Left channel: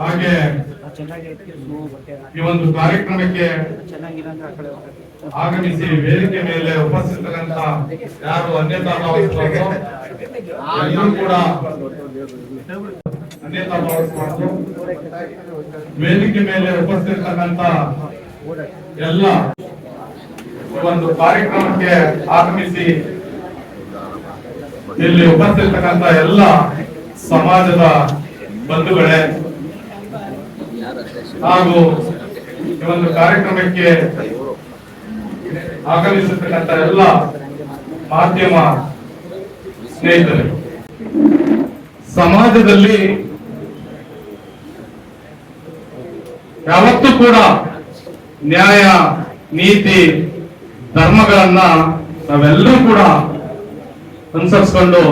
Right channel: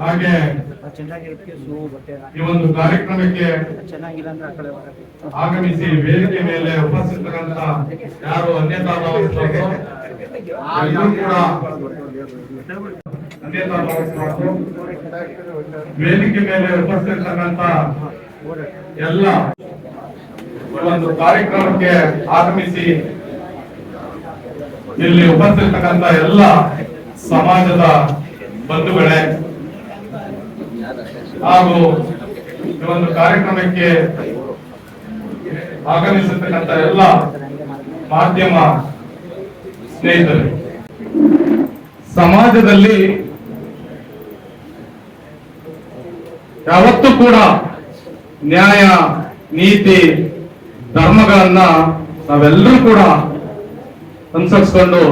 ಹಾಗೆ ಈ ಒಂದು ಕಾರ್ಯಕ್ರಮಕ್ಕೆ ಆಗಮಿಸಿ ವೇದಿಕೆ ಮೇಲೆ ಉಪಸ್ಥಿತರಂತ ಯಾರು ಅನ್ಯತಾ ಭಾವಿಸಬಾರದು, ಎಲ್ಲರೂ ಕೂಡ ಅನ್ಯತಾ ಭಾವಿಸಬಾರದು. ವೇದಿಕೆ ಮೇಲೆ ಉಪಸ್ಥಿತರಂತ ಎಲ್ಲ ಒಂದು ಕಾರ್ಯಕ್ರಮಕ್ಕೆ ಆಗಮಿಸಿ ಇಲ್ಲಿ ಉಪಸ್ಥಿತಕ್ಕಂತ ಎಲ್ಲ ಸಮಾಜದ ಬಂಧುಗಳೇ ಹಾಗೂ ಈ ಒಂದು ಕಾರ್ಯಕ್ರಮಕ್ಕೆ ಆಗಮಿಸತಕ್ಕಂತ ಎಲ್ಲ ಮಾಧ್ಯಮ ಸ್ನೇಹಿತರು, ಸಮಾಜದಲ್ಲಿ ಯಾವತ್ತೂ ಕೂಡ ನ್ಯಾಯ, ನೀತಿ, ಧರ್ಮಗಳನ್ನ ನಾವೆಲ್ಲರೂ ಕೂಡ ಅನುಸರಿಸಿಕೊಂಡು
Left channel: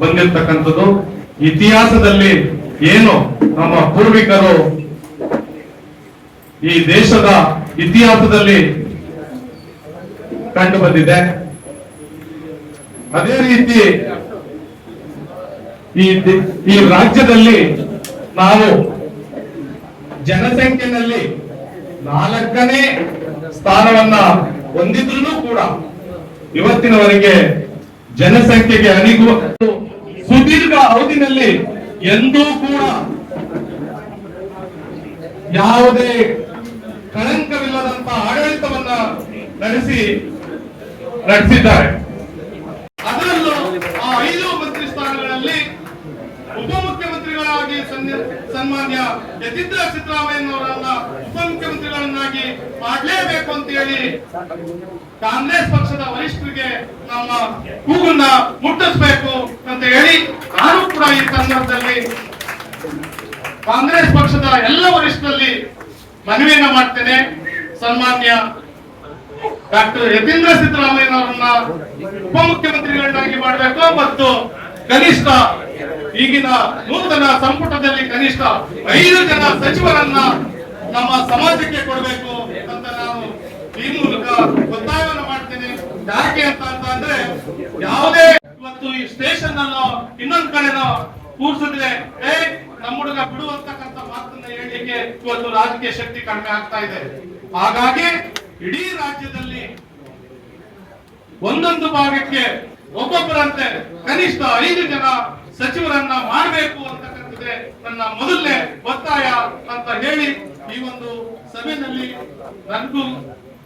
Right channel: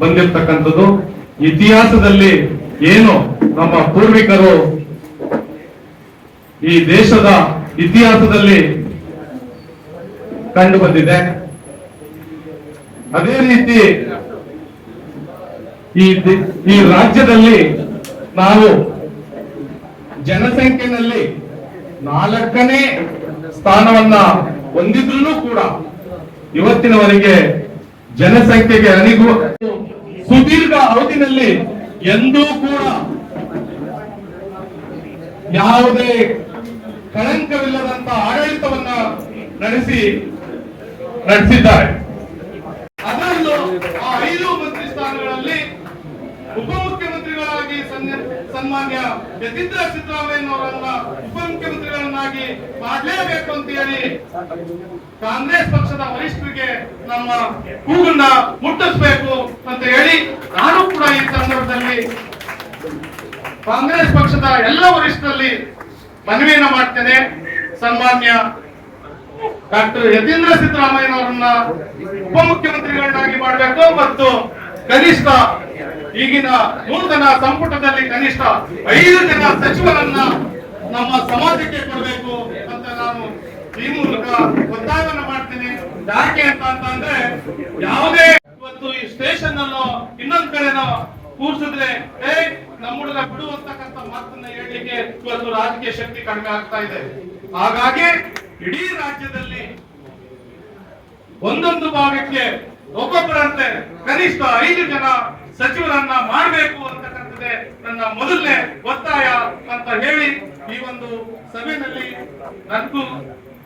ಬಂದಿರತಕ್ಕಂಥದ್ದು. ಇತಿಹಾಸದಲ್ಲಿ ಏನು ನಮ್ಮ ಪೂರ್ವಿಕರು ಈ ದೇಶದ ಇತಿಹಾಸದಲ್ಲಿ ಕಂಡು ಬಂದಿದೆ. ಅದೇ ರೀತಿ ಈ ರಾಜ್ಯದಲ್ಲಿ ನಾವು ಜನಸಂಖ್ಯೆಯಲ್ಲಿ 4ನೇ ಸ್ಥಾನವನ್ನ ಹೊಂದಿದ್ರೂ ಕೂಡ ಇವತ್ತಿನವರೆಗೆ ಜನಸಂಖ್ಯೆಗೆ ಸುದೀರ್ಘ ಅವಧಿನಲ್ಲಿ ಎಂದೂ ಕೂಡ ಯಾವುದೇ ಕಳಂಕವಿಲ್ಲದಂತ ಆಡಳಿತವನ್ನ ನಡೆಸಿದ್ದಾರೆ. ಅದರಲ್ಲೂ ಆ 5 ಮಂತ್ರಿ ಸ್ಥಾನಗಳಲ್ಲಿ ಉಪಮುಖ್ಯಮಂತ್ರಿಗಳಾಗಿ ಸನ್ಮಾನ್ಯ ಯತೀಂದ್ರ ಸಿದ್ದರಾಮಯ್ಯನವರನ್ನ ಉಪಮುಖ್ಯಮಂತ್ರಿಗಳನ್ನಾಗಿ ಮಾಡಲೇಬೇಕು ಅಂತ ಹೇಳಿ ಕಾಂಗ್ರೆಸ್ ಪಕ್ಷದ ವರಿಷ್ಠರಿಗೆ ನಮ್ಮ ಕೂಗನ್ನ ಮುಟ್ಟಿಸಬೇಕು ಅಂತ ಹೇಳಿ ನಾನು ಕೂಡ ಈ ಸಂದರ್ಭದಲ್ಲಿ ಕಾಂಗ್ರೆಸ್ ಪಕ್ಷದ ಎಲ್ಲ ವರಿಷ್ಠರಲ್ಲಿ ಮನವಿಯನ್ನ ಮಾಡ್ತೇನೆ. ಸನ್ಮಾನ್ಯ ಡಾಕ್ಟರ್ ಯತೀಂದ್ರ ಸಿದ್ದರಾಮಯ್ಯನವರನ್ನ ಉಪಮುಖ್ಯಮಂತ್ರಿಗಳನ್ನಾಗಿ ಮಾಡಬೇಕು ಮತ್ತು ಕನಿಷ್ಠ ಈಗಿನ ನೂತನ ಸಂಪುಟದಲ್ಲಿ ಕನಿಷ್ಠ 5 ಜನ ಸಚಿವರನ್ನ ನಮ್ಮ ಸಮಾಜಕ್ಕೆ ಕೊಡಬೇಕು ಅಂತ ನಾನು ಈ ಮೂಲಕ ಒತ್ತಾಯವನ್ನು ಮಾಡ್ತೇನೆ. ಯಾಕೆ ಅಂತಂದ್ರೆ ಯಾವುದೇ ಇವತ್ತು ಈ ಸ್ಟೇಷನ್ ಅನ್ನು ಇನ್ನೊಂದ್ ಕಡೆನೋ ಕೂರ್ಸಿದ್ರೆ ನಮ್ಮ ಹುಡುಗ ಬಿಡುವಂತಕ್ಕಂಥ ಮಾತನ್ನ ಹೇಳಲಿಕ್ಕೆ ಇವತ್ತು ರಾಜಕೀಯ ಶಕ್ತಿ ಕಡಿಮೆ ಆಗ್ತಾ ಇದೆ. ಹಾಗಾಗಿ ಇಡೀ ರಾಜ್ಯದಲ್ಲಿ ಒಂದೊಂದು ಭಾಗಕ್ಕೆ ಒಬ್ಬೊಬ್ಬರಂತೆ ಕನಿಷ್ಠ 5 ಜನ ಸಚಿವರನ್ನ ಮಾಡಬೇಕು ಅಂತಕ್ಕಂಥದ್ದೇ ನನ್ನ ಮೊದಲನೇ ಒತ್ತಾಯ ಅಂತ ಹೇಳಿ ಈ ಒಂದು ಸಭೆಯಲ್ಲಿ ನನಗೂ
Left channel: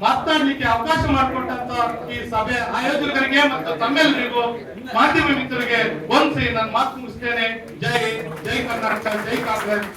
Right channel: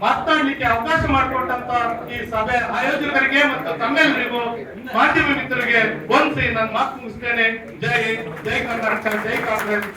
ಮಾತನಾಡಲಿಕ್ಕೆ ಅವಕಾಶ ಮಾಡಿಕೊಟ್ಟಂತ ಈ ಸಭೆ ಆಯೋಜಕರಿಗೆ ಮತ್ತು ತಮ್ಮೆಲ್ಲರಿಗೂ ಮಾಧ್ಯಮ ಮಿತ್ರರಿಗೆ ವಂದಿಸಿ ನನ್ನ ಮಾತು ಮುಗಿಸ್ತೇನೆ. ಜೈ ಜೈ ಕರ್ನಾಟಕ, ಜೈ ಕಾಂಗ್ರೆಸ್.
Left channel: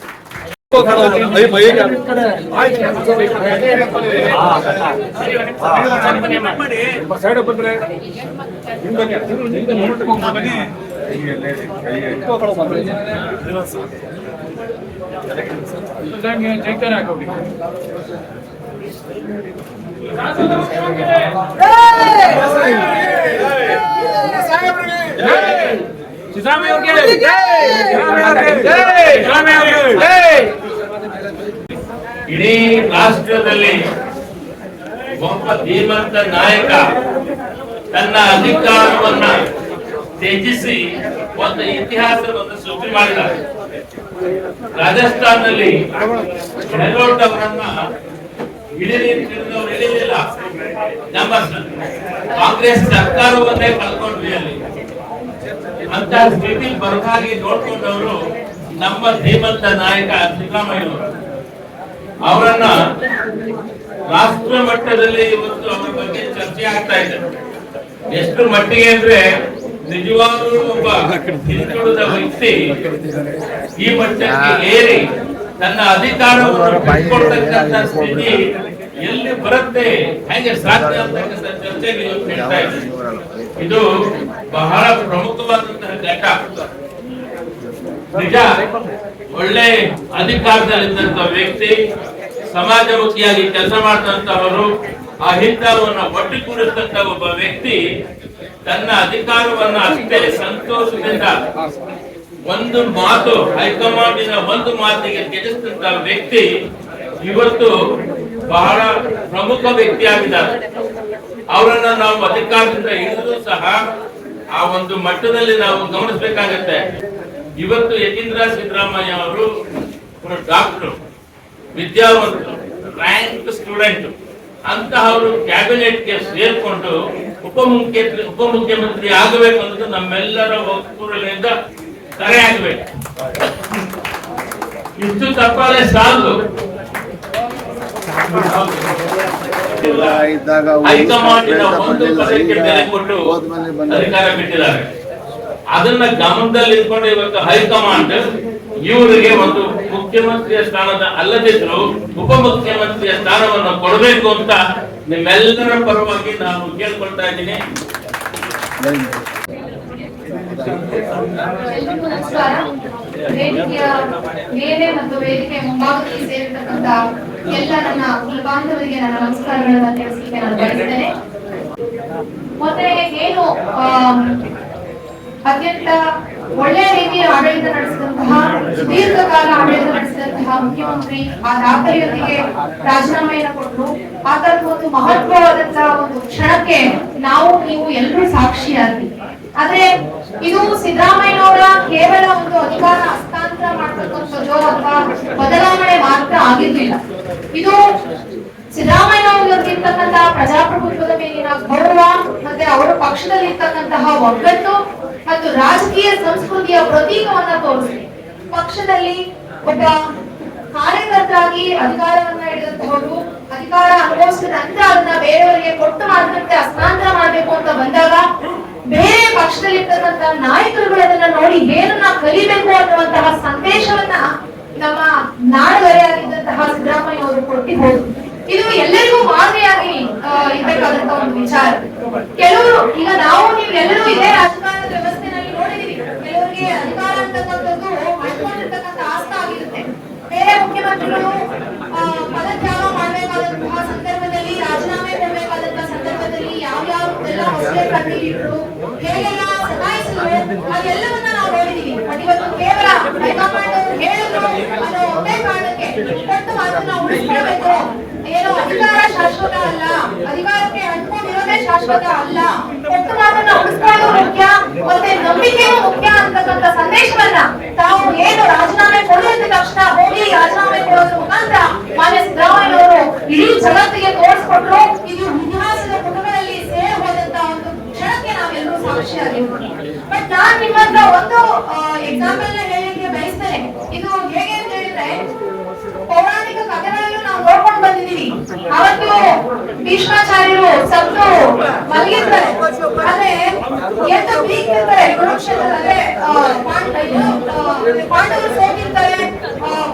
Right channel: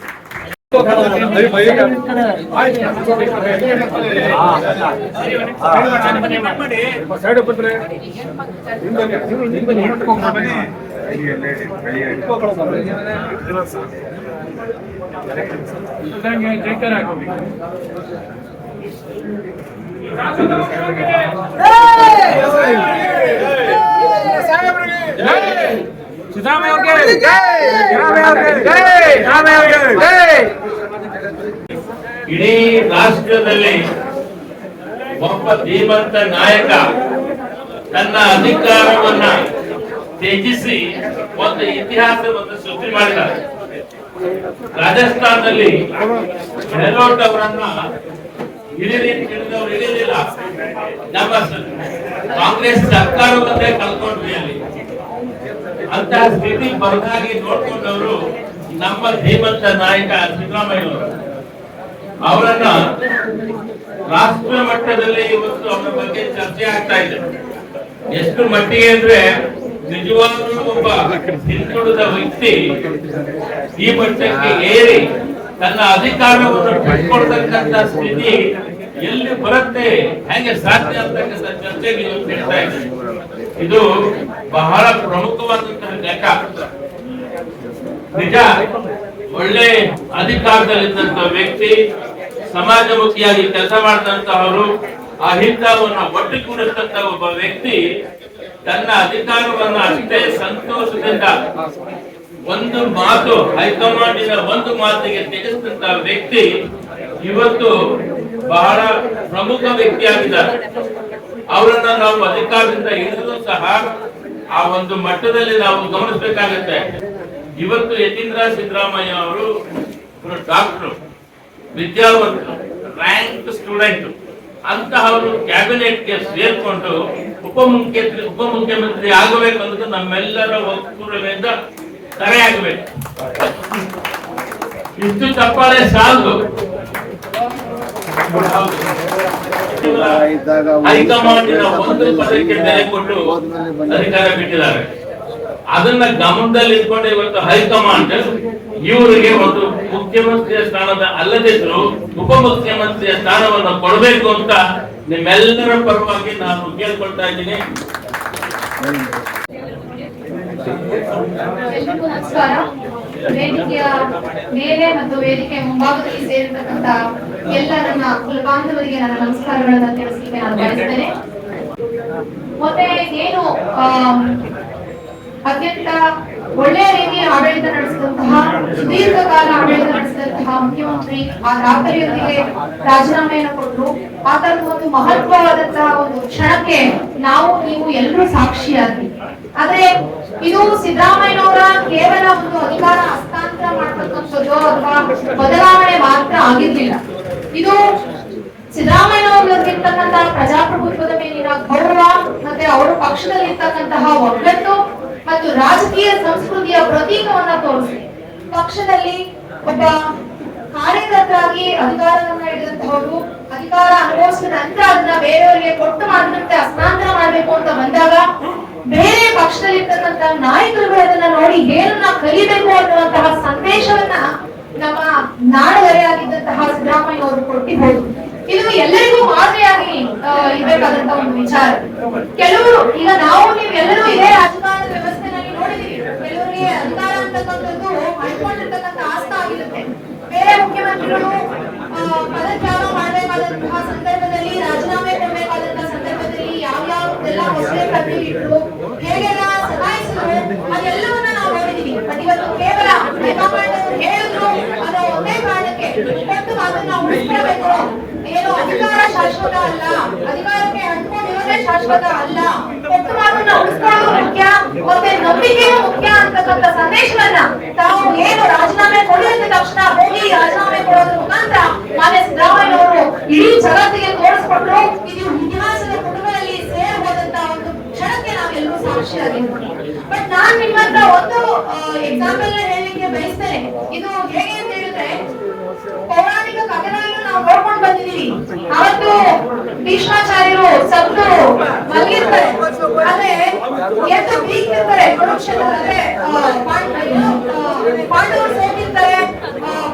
ಇಡೀ ರಾಷ್ಟ್ರದಲ್ಲಿ ಒಬ್ಬ ಧೀಮಂತ ನಾಯಕ ತನ್ನ ಅಧಿಕಾರವನ್ನ ತ್ಯಜಿಸಿ ಒಂದು ಇತಿಹಾಸವನ್ನು ಸೃಷ್ಟಿ ಮಾಡಿದ್ದಾರೆ. ರಾಜಸ್ಥಾನದಲ್ಲಿ ಗೆಹ್ಲೋಟ್ ಅವರನ್ನ ಹಿಡಿಯಲಿಲ್ಲ, ನಮ್ಮ ಕಾಂಗ್ರೆಸ್ ಸರ್ಕಾರವನ್ನೇ ಕಳ್ಕೊಂಡ್ವಿ ಅಲ್ಲಿ. ಅಂತ ಸ್ಥಿತಿ ಬರದಾಗಿ ನೋಡ್ಕೊಂಡವರು ನಮ್ಮ ಧೀಮಂತ ನಾಯಕ ಸಿದ್ದರಾಮಯ್ಯ ಅವರನ್ನ ರಾಷ್ಟ್ರ ಮಟ್ಟದಲ್ಲಿ ಇವತ್ತು ಅವರ ಬಗ್ಗೆ ಚರ್ಚೆ ಆಗ್ತಾ ಇದೆ. ಎಷ್ಟು ಮಟ್ಟಿಗೆ ಅಂದ್ರೆ ನಿಜವಾಗ್ಲೂ ಒಬ್ಬ ಹಿಂದುಳಿದ ವ್ಯಕ್ತಿ ಈ ಮಟ್ಟಕ್ಕೆ ಏರಿ ತನ್ನ ಅಧಿಕಾರವನ್ನು ಬಿಟ್ಕೊಡ್ತಕ್ಕಂಥ ಸ್ಥಿತಿ ಎಲ್ಲಿ ಬರುತ್ತೆ, ಹೇಗೆ ಸಾಧ್ಯ ಅಂತಕ್ಕಂಥ ಚರ್ಚೆಗೆ ಹೇಳ್ತಾ ಇದೆ. ಇದು ಬಹಳ ಪ್ರಮುಖವಾದಂತಹ ಘಟ್ಟ. ನಿಜ, ಒಳ್ಳೆ ಅಧಿಕಾರದಲ್ಲಿದ್ದಂತ ವ್ಯಕ್ತಿ, ಸಮಾಜಮುಖಿಯಾಗಿ ಕೆಲಸ ಮಾಡಿದಂತಹವರು, ಅಹಿಂಸವನ್ನ ಒಟ್ಟುಗೂಡಿಸಿದಂತ ಒಬ್ಬ ವ್ಯಕ್ತಿ ತನ್ನ ಅಧಿಕಾರವನ್ನ ಅಷ್ಟೇ ಸಂತೋಷದಿಂದ ಒಂದು ಮಾತು, ಹೈಕಮಾಂಡಿನ ಒಂದು ಮಾತಿಗೆ ತ್ಯಜಿಸಿದಂತ ವ್ಯಕ್ತಿ ಇವತ್ತು ಬಹಳ ಪ್ರಮುಖ ವ್ಯಕ್ತಿಯಾಗಿದ್ದಾರೆ. ಅವರನ್ನ ನಾವು ಅಧಿಕಾರದಿಂದ ಇಳಿದರೂ ಸಹ ಆ ಒಂದು ಮಟ್ಟದಲ್ಲಿ ನಾವು ಗಮನಿಸಬೇಕಾಗತ್ತೆ. ಇವತ್ತು ಯತೀಂದ್ರ ಸಿದ್ದರಾಮಯ್ಯ ಅವರು ಡಾಕ್ಟರ್, ವಿದ್ಯಾವಂತರು, ರ್ಯಾಂಕ್ ಸ್ಟೂಡೆಂಟ್ ಅಂತಹವರು ಕ್ಯಾಬಿನೆಟ್ಗೆ ಸೇರ್ಕೊಂಡು ಉಪಮುಖ್ಯಮಂತ್ರಿ ಆಗಬೇಕು ಅನ್ನೋದು ನಮ್ಮೆಲ್ಲರ ಒಕ್ಕೂಟದಿಂದ ಕರೆ ಆಗಬೇಕು. ಇಷ್ಟು ತಪ್ಪಾಳೆ ಸಾಲದು. ಹೈಕಮಾಂಡಿನ ಒಂದು ಪದಕ್ಕೆ ಬೆಲೆ ಕೊಟ್ಟು ಅಧಿಕಾರ ಬಿಟ್ಟಿದ್ದಾರೆ. ಅದನ್ನ ಗಮನದಲ್ಲಿ ಇಟ್ಕೊಂಡು ಇವತ್ತು ಹೈಕಮಾಂಡ್ ಇವರಿಗೆ ಒಂದು ಮುಖ್ಯಮಂತ್ರಿಯ ಸ್ಥಾನದ ಅಲ್ಲದಿದ್ರು ಉಪಮುಖ್ಯಮಂತ್ರಿಯ ಸ್ಥಾನವನ್ನು ಕೊಡಬೇಕು ಅಂತ ನಿಮ್ಮೆಲ್ಲರ ಪರವಾಗಿ ನಾನು ಕೇಳ್ಕೊಳ್ತಾ ಇದ್ದೀನಿ. ಎಲ್ರಿಗೂ ನಮಸ್ಕಾರ. ವೇದಿಕೆಯ ಮೇಲೆ ಮತ್ತು ವೇದಿಕೆ ಮುಂಭಾಗದಲ್ಲಿ ಸೇರಿರ್ತಕ್ಕಂಥ ಎಲ್ಲ ನನ್ನ ಕುಲಬಾಂಧವರಿಗೆ ನನ್ನ ನಮಸ್ಕಾರಗಳನ್ನು ತಿಳಿಸಲಿಕ್ಕೆ ನಾನು ಬಯಸ್ತೇನೆ. ಮತ್ತೆ ಏನು ಅತ್ಯಂತ ಒಳ್ಳೆಯ ರೀತಿಯ ಆಡಳಿತ ನಡೆಸಿದಂತಹ, ದೀರ್ಘಕಾಲ ಆಡಳಿತ ನಡೆಸಿದಂತಹ ಮುಖ್ಯಮಂತ್ರಿ ಆ ದಾಖಲೆಯೊಂದಿಗೆ ರಾಜೀನಾಮೆಯನ್ನು ಕೊಟ್ಟರು. ಆತನ ಒಂದು ಮಹತ್ವವಾದಂತಹ ಒಂದು ಕ್ಷಣಕ್ಕೆ ನಾವು ನೀವು ಎಲ್ಲರೂ ಸಾಕ್ಷಿಯಾದ್ವಿ. ಆದ್ರೆ ಇದು ಸಿದ್ದರಾಮಯ್ಯನವರ ಕೇವಲ ಒಂದು ಅಧಿಕಾರ ಹಸ್ತಾಂತರ ಮಾಡತಕ್ಕಂಥದ್ದು ಅಥವಾ ಬದಲಾವಣೆ ಮಾತ್ರ ಆಗಿರ್ಲಿಲ್ಲ. ಇದು ಸಿದ್ದರಾಮಯ್ಯನವರಿಗಿರ್ತಕ್ಕಂತಹ ಪ್ರಜಾಪ್ರಭುತ್ವದ ಮೇಲಿನ ಗೌರವ, ಮತ್ತೆ ಅವರ ಪಕ್ಷದಲ್ಲಿ ಇರ್ತಕ್ಕಂತಹ ಒಗ್ಗಟ್ಟು ಮತ್ತು ರಾಜಕೀಯ ಸಂಸ್ಕೃತಿಯ ಪ್ರತೀಕವನ್ನ ತೋರಿಸಿದೆ. ಪಕ್ಷದಲ್ಲಿ ಒಬ್ಬ ಕಾರ್ಯಕರ್ತರಾಗಿ ಅಧಿಕಾರವನ್ನ ಹಿಡಿದಂತಹವರು ಅಧಿಕಾರ ಅನುಭವಿಸಿದ ನಂತರ ಅದನ್ನ ಬೇರೆಯವರಿಗೆ ಕೊಟ್ಟು ಮಾತ್ರಕ್ಕೆ ಹಸ್ತಾಂತರ ಮಾಡಬೇಕು ಅಂತ ಬಂದಾಗ ಬೇರೆ ಪಕ್ಷದಲ್ಲಿರ್ತಕ್ಕಂಥ ನಾಯಕರುಗಳು ಅದನ್ನ ನೋಡಿ ಏನನ್ನ ಕಲಿಬೇಕು ಅನ್ನುವಂತಹ ಸಂದೇಶವನ್ನ ನಮ್ಮ ನಾಡುವರೆಯಾಗಿದ್ದಂತಹ ಸಿದ್ದರಾಮಯ್ಯ ಅವರು ಕೊಟ್ಟಿದ್ದಾರೆ. ಇದು ಎಲ್ಲರಿಗೂ ಮಾದರಿಯಾಗಿ ಇರಬೇಕಾದಂತ ಒಂದು ವಿಚಾರ. ಕೆಲವರು ಈಗ ನಾವು ನೀವು ಎಲ್ಲರೂ ಇದೇ ರಾಜಕಾರಣದ ವ್ಯವಸ್ಥೆನಲ್ಲಿ ನೋಡಿದೀವಿ. ಕೆಲವರಿಗೆ ಅಧಿಕಾರ ಅಂತಕ್ಕಂಥದ್ದು ಮಾಡ್ಕೊಂಡಿರ್ತಕ್ಕಂಥ ಆಸ್ತ ಆಗಿರುತ್ತೆ. ಬೇರೆ ಮುಖ್ಯಮಂತ್ರಿಗಳು ಪದತ್ಯಾಗ ಮಾಡಬೇಕಾದಂತಹ ಸಂದರ್ಭದಲ್ಲಿ, ರಾಜೀನಾಮೆ ಕೊಡಬೇಕಾದಂತಹ ಸಂದರ್ಭದಲ್ಲಿ ಯಾವ್ಯಾವೆಲ್ಲ ಹೊಸೆ ಕಟ್ಟಿದ್ರು, ಹೇಗೆಲ್ಲ ಸತಾಯಿಸಿದ್ರು, ಅದೆಲ್ಲವನ್ನ ನಾವು ನೋಡಿದೀವಿ. ಇವತ್ತು ಕೇವಲ ಹೈಕಮಾಂಡ್ ಹೇಳಿದ್ರು ಅನ್ನೋ ಒಂದೇ ಕಾರಣಕ್ಕೆ ಕೊಟ್ಟು ಮಾತನ್ನ ಉಳಿಸ್ಕೊಳ್ಬೇಕು. ಏನು ಅಧಿಕಾರ ಶಾಶ್ವತ ಅಲ್ಲ, ಅಧಿಕಾರಕ್ಕೆ ಅಂಟ್ಕೊಂಡಿರೋದೇ ಶಾಶ್ವತ ಅಲ್ಲ, ಕೊಟ್ಟು ಮಾತನ್ನ ಉಳಿಸ್ಕೊಳ್ಳೋದು ಮುಖ್ಯ, ಮತ್ತೆ ನಂಬಿಕೆಯೂ ಮುಖ್ಯ ಅಂತಕ್ಕಂಥ ಸಂದೇಶವನ್ನ ತಾವು ಏನು ರಾಜೀನಾಮೆ ಕೊಡುವಂತ ತಕ್ಷಣ ಹೋಗಿ ರಾಜೀನಾಮೆ ಕೊಡೋದ್ರ ಮುಖಾಂತರ ಮಾನ್ಯ ಸಿದ್ದರಾಮಯ್ಯ ಅವರು ಇಡೀ ಜಗತ್ತಿಗೆ ತೋರಿಸ್ಕೊಟ್ರು. ಇದು ಇತಿಹಾಸದ ಪುಟಗಳಲ್ಲಿ ಸೇರಿ ಹೋದಂತ ಒಂದು ಕ್ಷಣಕ್ಕೆ ನಾವೆಲ್ಲರೂ ಸಾಕ್ಷಿಯಾಗಿರ್ತೀವಿ. ಬಟ್ ನಾನ್ ನಿಮ್ಮ ಹತ್ರ ಒಂದು ಎಕ್ಸಾಂಪಲ್ ನ ಹೇಳಲಿಕ್ಕೆ ಬಯಸ್ತೇನೆ. ಇದು ಹೇಗೆ ಅಂತ ಹೇಳಿದ್ರೆ, ಪೌರಾಣಿಕ ಕಥೆಗಳನ್ನು ನಾವು ನೋಡ್ಕೊಂಡು ಬಂದಿದ್ದೀವಿ. ಅವತ್ತು ಭೀಷ್ಮಾಚಾರ್ಯರು ಸತ್ತು ಮಲಗಿರ್ತಾರೆ, ಆದ್ರೆ ಎದ್ದು ಬೀಗ್ತಿರ್ತಾರೆ ಕುರುಕ್ಷೇತ್ರದಲ್ಲಿ. ಪಾಂಡವರು ಸೋತಿರ್ತಾರೆ,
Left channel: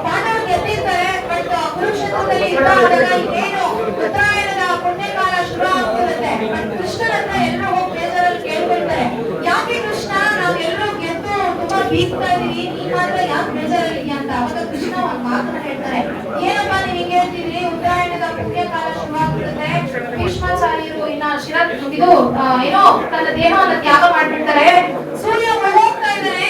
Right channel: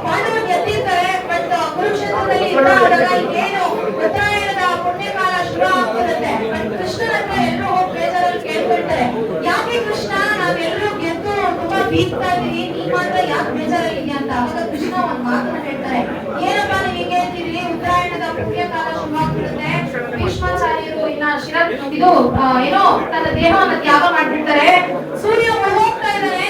ಪಾಂಡವರು ಗೆದ್ದಿರ್ತಾರೆ. ಬಟ್ ಕುರುಕ್ಷೇತ್ರದಲ್ಲಿ ಏನು ಉತ್ತರಾಯಣದ ಪುಣ್ಯಕಾಲ ಶುರು ಆಗ್ತಿರುತ್ತೆ. ಬಟ್ ಕೃಷ್ಣನ ಹತ್ರ ಎಲ್ಲರೂ ಹೋಗಿ ಬೇಜಾರಲ್ಲಿ ಕೇಳ್ಕೊಳ್ತಾರೆ, ಯಾಕೆ ಕೃಷ್ಣ ನಾವೆಲ್ಲರೂ ಗೆದ್ದು ತುಂಬಾ ಬೀಗ್ತಾ ಇದೀವಿ, ನೀ ಮಾತ್ರ ಯಾಕೆ ಬೇಜಾರಾಗಿದ್ಯಾ ಅಂತ. ಅವಾಗ ಕೃಷ್ಣ ಒಂದ್ ಮಾತನ್ನ ಹೇಳ್ತಾರೆ, ಏನಪ್ಪಾ ನೀವು ಹಿಂಗೆ ಹೇಳ್ತಿದ್ರಿ, ಉತ್ತರಾಯಣದ ಪುಣ್ಯಕಾಲ ಶುರು ಆಗ್ತಿರುತ್ತೆ, ಭೀಷ್ಮಾಚಾರ್ಯರು ಇನ್ನ ಇದು ಏನೋ ತನ್ನ ದೇಹವನ್ನ ತ್ಯಾಗ ಮಾಡ್ಬಿಡ್ತಾರೆ, ಸೂರ್ಯ ಹೋಗ್ತಾ ಇದ್ದಾನೆ,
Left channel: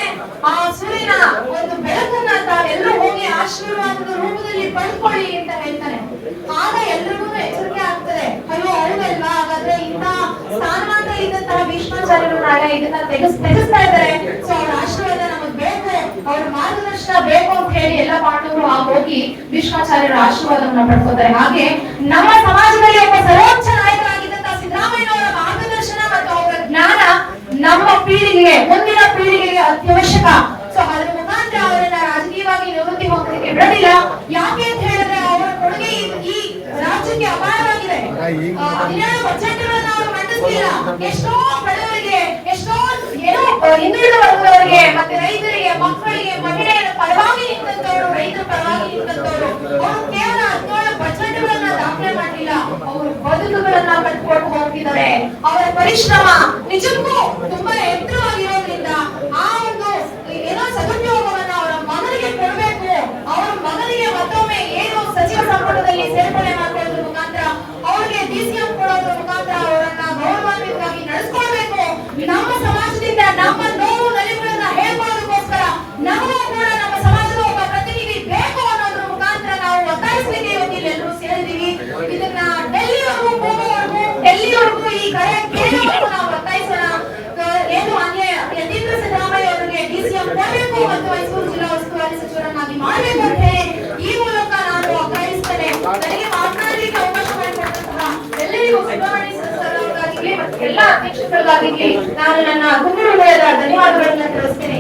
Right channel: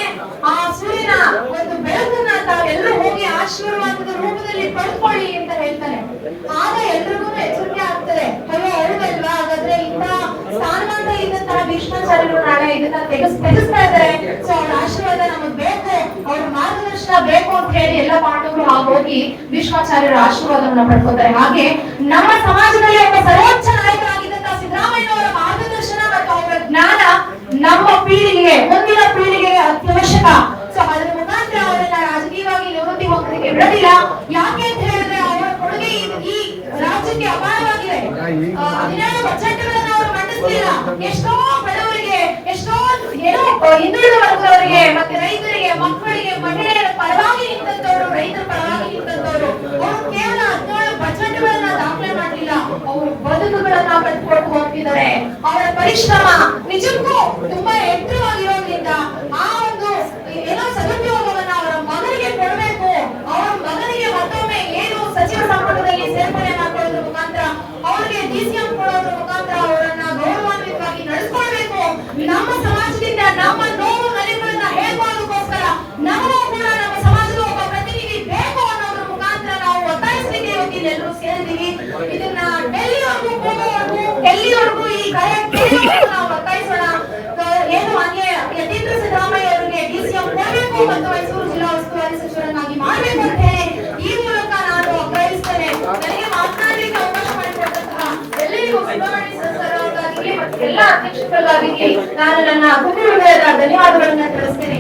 ಆ ಸೂರ್ಯನ ಒಂದು ಬೆಳಕನ್ನ ತಾವೆಲ್ಲರೂ ಹೋಗಿ ಆಶೀರ್ವಾದದ ರೂಪದಲ್ಲಿ ಪಡ್ಕೊಳ್ಳಿ ಅಂತ ಹೇಳ್ತಾರೆ. ಆಗ ಎಲ್ರಿಗೂ ಎಚ್ಚರಿಕೆ ಆಗ್ತದೆ, ಅಯ್ಯೋ ಹೌದಲ್ವಾ, ಹಾಗಾದ್ರೆ ಇಂಥ ಸ್ಥಾನಮಾನದಲ್ಲಿ ಇದ್ದಂತಹ ಭೀಷ್ಮಾಚಾರ್ಯರು ನಾಳೆ ಇದನ್ನ ತೆಗೆಸ್ತಾ ಇದ್ದಾರೆ, ಸೊ ಅವ್ರ ಆಶೀರ್ವಾದ ನಮಗ್ ಬೇಕು, ಅವ್ರ ಮಾರ್ಗದರ್ಶನ ಬೇಕು ಅಂತ ಹೇಳಿ ಎಲ್ಲ ಪಾಂಡವರು ಹೋಗಿ ಭೀಷ್ಮಾಚಾರ್ಯರ ಆಶೀರ್ವಾದವನ್ನ ಪಡ್ಕೋತಾರೆ. ಹಾಗೆ ನಮ್ಮ ಸಮಾಜದಲ್ಲಿ ಒಬ್ಬ ಸರ್ವೋಚ್ಚ ನಾಯಕರಾಗಿದ್ದಂತಹ ಸಿದ್ದರಾಮಯ್ಯನವರ ಮಾರ್ಗದರ್ಶನ ಮತ್ತು ಅವರ ಜ್ಞಾನ ನಮ್ಮ ಪೀಳಿಗೆಗೆ, ಮುಂದಿನ ಪೀಳಿಗೆಗೆ ಅತ್ಯವಶ್ಯಕ. ಸೊ ಅದರ ಮುಖಾಂತರ ಅವರನ್ನ ರಾಜಕೀಯವಾಗಿ ನಿವೃತ್ತಿ ಹೋಗೋದಕ್ಕೆ ಬಿಡಲಿಲ್ಲ. ಯಾಕೆ ಅಂತ ಹೇಳಿದ್ರೆ ಅವರ ಕೊಡುಗೆ ಈ ರಾಜ್ಯಕ್ಕೆ ಅಪಾರವಾಗಿದೆ. 17 ಬಜೆಟ್ಗಳನ್ನ ಅವರು ಮಂಡಿಸಲಿಲ್ಲ. ಎಷ್ಟೋ ಬಡವರಿಗೆ, ಎಷ್ಟೋ ಏನೋ ಹಿಂದುಳಿದ ವರ್ಗದವರಿಗೆ, ಮತ್ತೆ ರೈತರಿಗೆ, ಮಕ್ಕಳಿಗೆ, ಮಹಿಳೆಯರ ಪರವಾಗಿ ನಿಂತಂತವರು, ರೈತರ ಪರವಾಗಿ ನಿಂತಂತವರು. ಅವರು ಕೇವಲ 17 ಬಜೆಟ್ಗಳನ್ನ ದಾಖಲೆ ಮಾಡಲಿಲ್ಲ, ಅವರು ಬದುಕುಗಳನ್ನ ಕಟ್ಕೊಂಡು ಹೋಗ್ತಿದ್ದಾರೆ. ಅವರ ಪರಿಶ್ರಮ ನಿಜಕ್ಕೂ ತುಂಬಾ ಎತ್ತರವಾಗಿರೋದ್ರಿಂದ ಆ ಒಂದು ಏನೋ ಸದುಪಯೋಗವನ್ನ ಅವರ ಮಗನಿಗೆ ಕೊಡಬೇಕು. ಅವರ ಮಗನಿಗೆ ಮತ್ತೊಮ್ಮೆ ಏನು ಸಚಿವ ಸಂಪುಟದಲ್ಲಿ ಸೇರ್ಪಡೆ ಮಾಡ್ಕೊಳ್ಳೋದ್ರ ಮುಖಾಂತರ, ಅವರಿಗೆ ಡಿಸಿಎಂ ಕೊಡೋದ್ರ ಮುಖಾಂತರ ಅವರನ್ನ ಗೌರವಾನ್ವಿತವಾಗಿ ನಡೆಸ್ಕೊಳ್ಬೇಕು. ನಮ್ಮ ಸಮಾಜದಿಂದ ನಮ್ಮ ನೋವು ನಲಿವುಗಳನ್ನ ಹೇಳ್ಕೊಳ್ಳೋದಕ್ಕೋಸ್ಕರ ನಮಗೂ ಕೂಡ ನಮ್ಮ ಸಮಾಜದ ಒಬ್ಬ ಪ್ರತಿನಿಧಿ ಬೇಕು ಅನ್ನೋದ್ರ ಮುಖಾಂತರ ನಾವು ಒತ್ತಾಯಿಸಲಿಕ್ಕೆ ಇವತ್ತು ಎಲ್ಲರೂ ಸೇರಿದೀವಿ. ಇದನ್ನ ಡೆಲ್ಲಿವರೆಗೂ ಈ ಕರೆ ಕೇಳೋದು ನಾವು ಒತ್ತಾಯಿಸೋಣ. ಏನು ಯತೀಂದ್ರ ಸಿದ್ದರಾಮಯ್ಯ ಅವರಿಗೆ ಡಿಸಿಎಂ ಕೊಡಬೇಕು ಮತ್ತು ಎಲ್ಲರಿಗೂ ಸುಬ್ರಹ್ಮಣ್ಯ ಸರ್ ಅವರಿಗಾಗಲಿ ಎಲ್ಲ ಅಧ್ಯಕ್ಷರಿಗಾಗಲಿ ನಾನು ನನ್ನ ಹೃದಯದ ಧನ್ಯವಾದಗಳನ್ನ ತಿಳಿಸ್ತೇನೆ.